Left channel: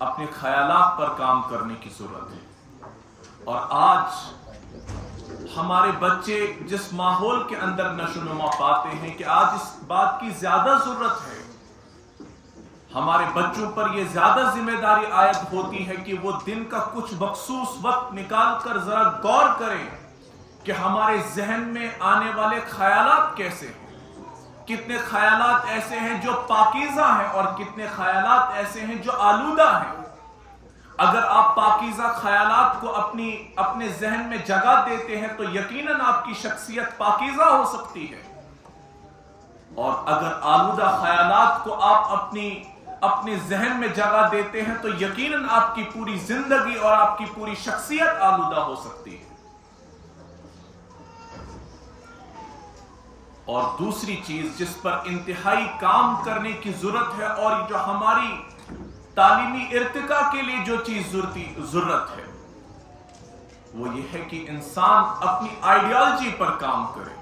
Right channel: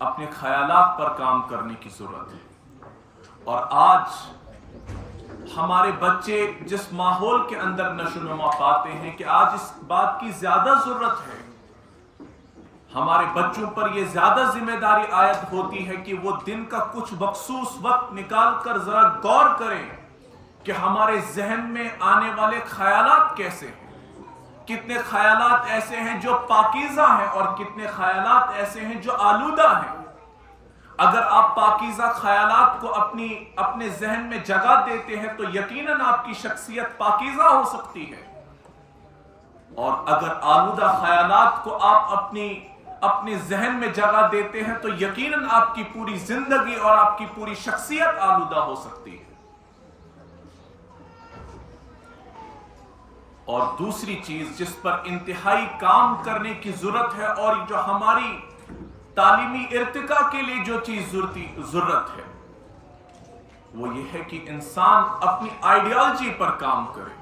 अपने ख्यालात पर काम करने की जरूरत है। और आज हमारे बच्चे जिस माहौल के अंदर नशोनुमा पाते हैं कि आज इस बात की ज्यादा जरूरत है, हमारे बच्चों पर यह ज्यादा जिम्मेदारी आयद होती है कि वो दिन का कुछ मखसूस वक्त निकाल कर जरा गौर करें कि हमारे जहन में आने वाले ख्यालात कैसे हैं। कितने ख्यालात ऐसे हैं जो पाकीज़ा हैं और कितने ख्यालात ऐसे हैं जो आलूदा हैं। अगर आप पाकीज़ा ख्यालात को अपने जहन में जगह देते हैं तो यकीनन आपकी शख्सियत पाकीज़ा हो सकती है, और अगर आलूदा ख्यालात को आप अपने जहन में जगह देते हैं तो यकीनन आपकी पूरी जिंदगी और आपकी पूरी शख्सियत आलूदा हो सकती है। और दूसरी चीज जिस पर इंतहाई काम करने की जरूरत है और जो हमारी तालीमी इर्तिका के लिए जो चीज जरूरत है वो ये है कि इंसान अपनी आइडियोलॉजी पर काम करे।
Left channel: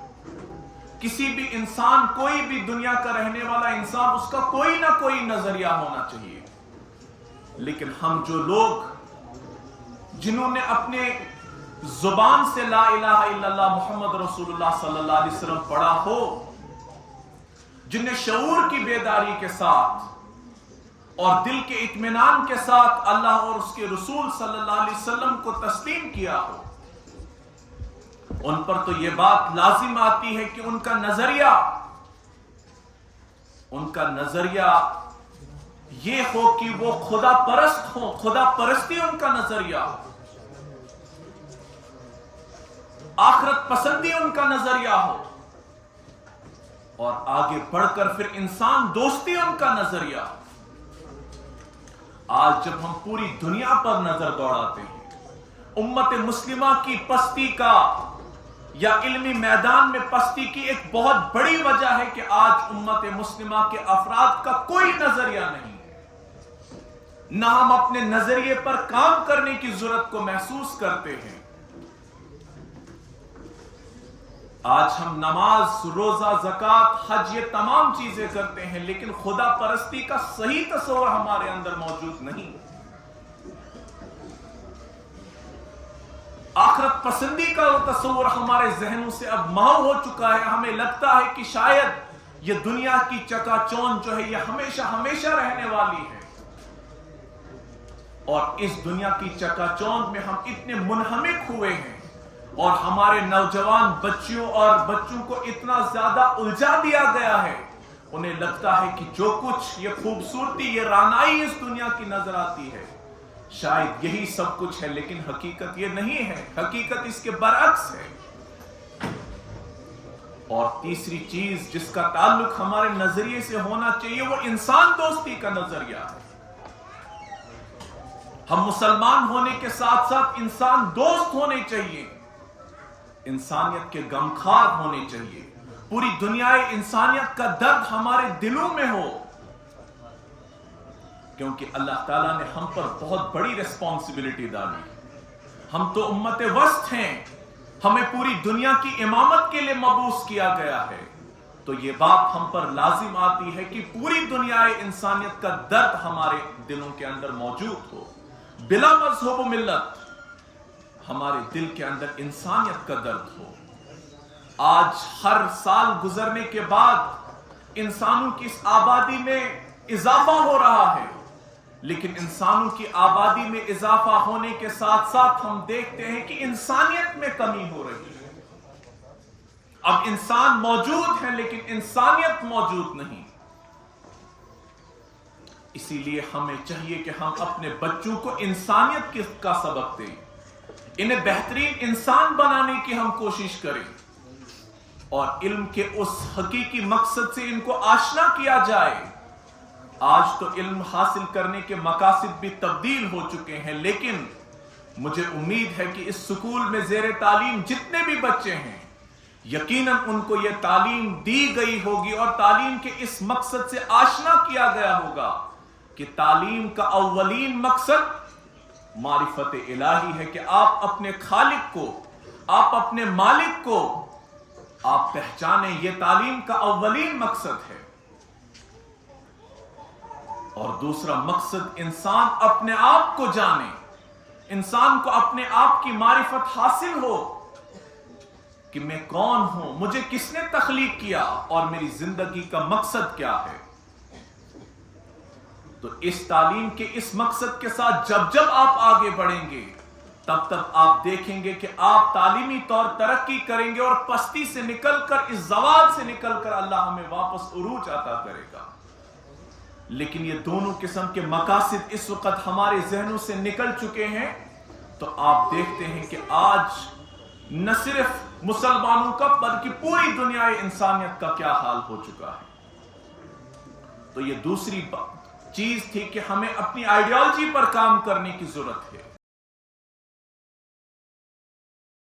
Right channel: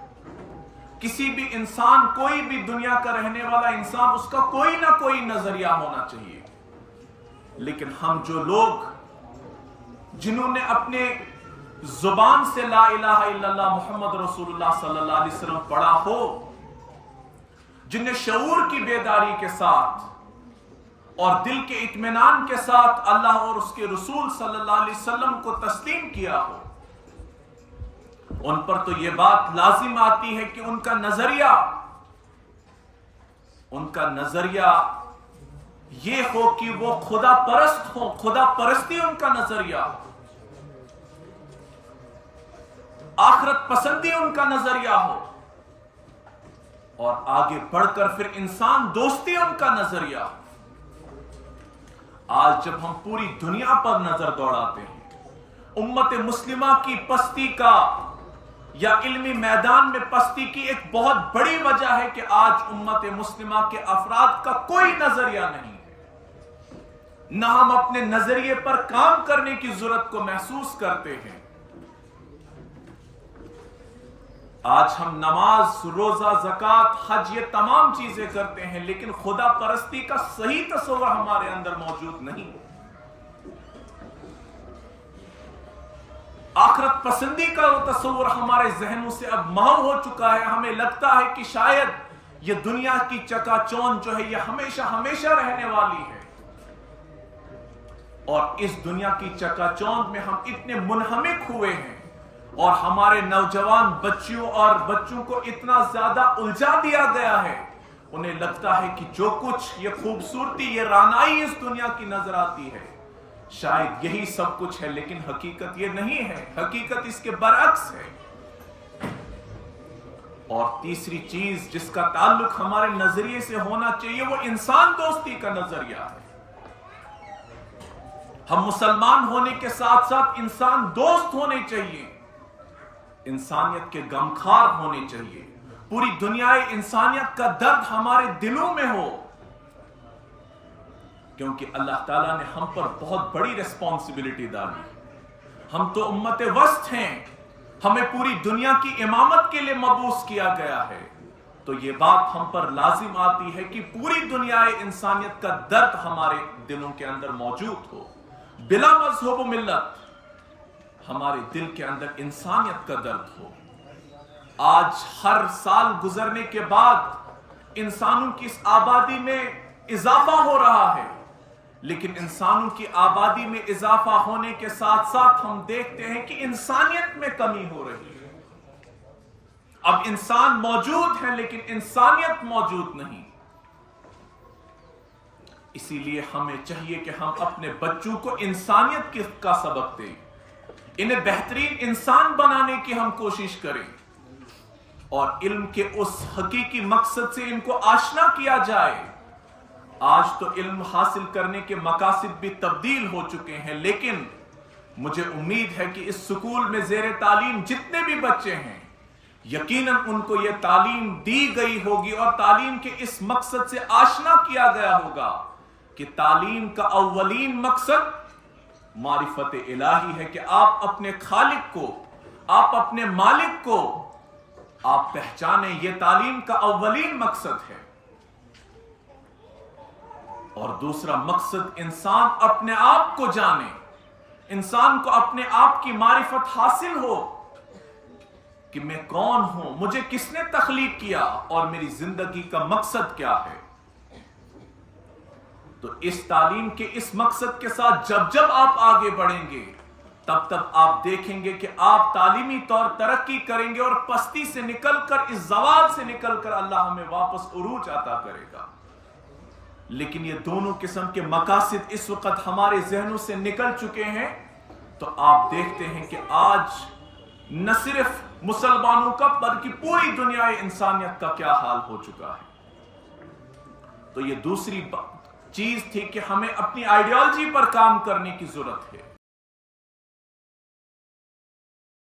किसी भी इंसान, कोई भी दुनिया का रहने वाला इंसान, उसका कोई ना कोई नजरिया होना चाहिए। लेकिन हम जो लोग जिन्होंने अपने जुबान से ला इलाहा इल्लल्लाह मुहम्मद रसूलुल्लाह सल्लल्लाहु अलैहि वसल्लम पढ़ा हो, जिन्हें शऊर की बेदारी के साथ और दिल के इत्मीनान के साथ अल्लाह और उसके रसूल सल्लल्लाहु अलैहि वसल्लम को तस्लीम किया हो, उन पर तो यह बात लाजिम आती है कि उनका नजरिया ये हो कि वो खुदा परस्त हो, खुदा परस्ती उनका नजरिया हो, आखिरत पसंदी उनका नजरिया हो, और आगे बढ़कर फिर इंसान दोस्ती उनका नजरिया हो। आज जब हम पूरी दुनिया पर नजर दौड़ाते हैं, उम्मत मुस्लिमा की पस्ती का या इल्मी मैदान में पस्ती की एक बहुत बड़ी वजह है कि आज उम्मत मुस्लिमा के अफराद का कोई नजरिया नहीं है। न हम अपने नजरिए पर काम करने की जरूरत को महसूस करते हैं। आज हम नमाज, रोजा, ज़कात, हज, ये तमाम चीजें करते हैं, लेकिन खुदा परस्ती का सही तस्वर हमारे अंदर मौजूद नहीं। आखिरत पसंदी का वो तस्वर हमारे जहनों से अब महव हो चुका है। हमें लगता है कि शायद ये दुनिया की चकाचौंध जो है ये हमेशा हमेशा रहने वाली है, और इस दुनिया की चकाचौंध में हम इतने मुनहमिक हुए हैं और हमारे नौजवान बच्चों को इतना ज्यादा उलझा दिया गया है, उन्हें लगता है कि जो कुछ ये खूबसूरती, ये रानाई इस दुनिया की नजर आती है शायद यही सब कुछ है, लेकिन हकीकत ये नहीं है। हकीकत इसके बरअक्स है। और तीसरी चीज जिसका ताल्लुक हमारे नजरिए से होना चाहिए वो इंसान दोस्ती का नजरिया है। हम मुसलमान होने के साथ साथ इंसान दोस्त होने चाहिए, इंसानियत के गमखार होने चाहिए। पूरी दुनिया इंसानियत का दर्द हमारे दिलों में हो, क्योंकि अल्लाह ताला ने हम पर बहुत बड़ी रिस्पॉन्सिबिलिटी डाली। हम तो उम्मत वस्त हैं, हमें पूरी दुनिया की इमामत के लिए मबूस किया गया है, तो ये बात हम पर लाजिम आती है कि पूरी दुनिया इंसानियत का दर्द हमारे दिलों के अंदर मौजूद हो। बिला मजहब मिल्लत हमारे दिल के अंदर इंसानियत का दर्द हो। आज हर साल गुजरने के बाद इंसानों की इस आबादी में इजाफा हो रहा है, लेकिन इंसानों की आबादी में इजाफा होने के साथ साथ हम देखते हैं कि इंसानियत में कमी हो रही है। अब इंसान मौजूद है लेकिन इंसानियत मौजूद नहीं। इसीलिए हमें चाहिए कि हम अपने बच्चों को इंसानियत का सबक दें, इन्हें बेहतरीन इंसान बनाने की हम कोशिश करें, और इल्म के उस हकीकी मकसद से इनको आशना किया जाए। आज तो इल्म हासिल करने के मकासद भी तब्दील हो चुके हैं, लेकिन मुझे उम्मीद है कि इस स्कूल में ज़ेरे तालीम जितने भी बच्चे हैं यकीनन उनको यह तालीम दी गई होगी और तालीम के इस मकसद से आशना किया गया होगा कि तालीम का अव्वलीन मकसद मारिफत इलाही है कि आप अपने खालिक को, आप अपने मालिक को आप पहचाने। यह तालीम का अव्वलीन मकसद है। اور دوسرا مقصد انسان اپنے آپ کو جانے، انسان کو اپنے آپ کی معرفت حاصل ہو کہ میں کون ہوں، مجھے کس نے تخلیق کیا اور میری زندگی کا مقصد کیا ہے۔ تو اس تعلیم کے اس مقصد کے ساتھ جب آپ آگے بڑھیں گے تب آپ دیکھیں گے کہ آپ تعلیمی طور ترقی کریں گے اور پستی سے نکل کر، اس زوال سے نکل کر اللہ ہمیں واپس عروج عطا کرے گا۔ لیکن یہ دونوں قسم کے مقاصد اس وقت ہمارے ذہنوں سے نکل چکے ہیں، تو آپ دیکھتے ہیں کہ آج نہ صرف مسلمانوں کا بلکہ پوری دنیا انسانیت کا کیا حال ہو چکا ہے۔ تو یہ دوسری چیز تھی کہ ہمیں اپنی آئیڈیالوجی پر کام کرنے کی ضرورت ہے۔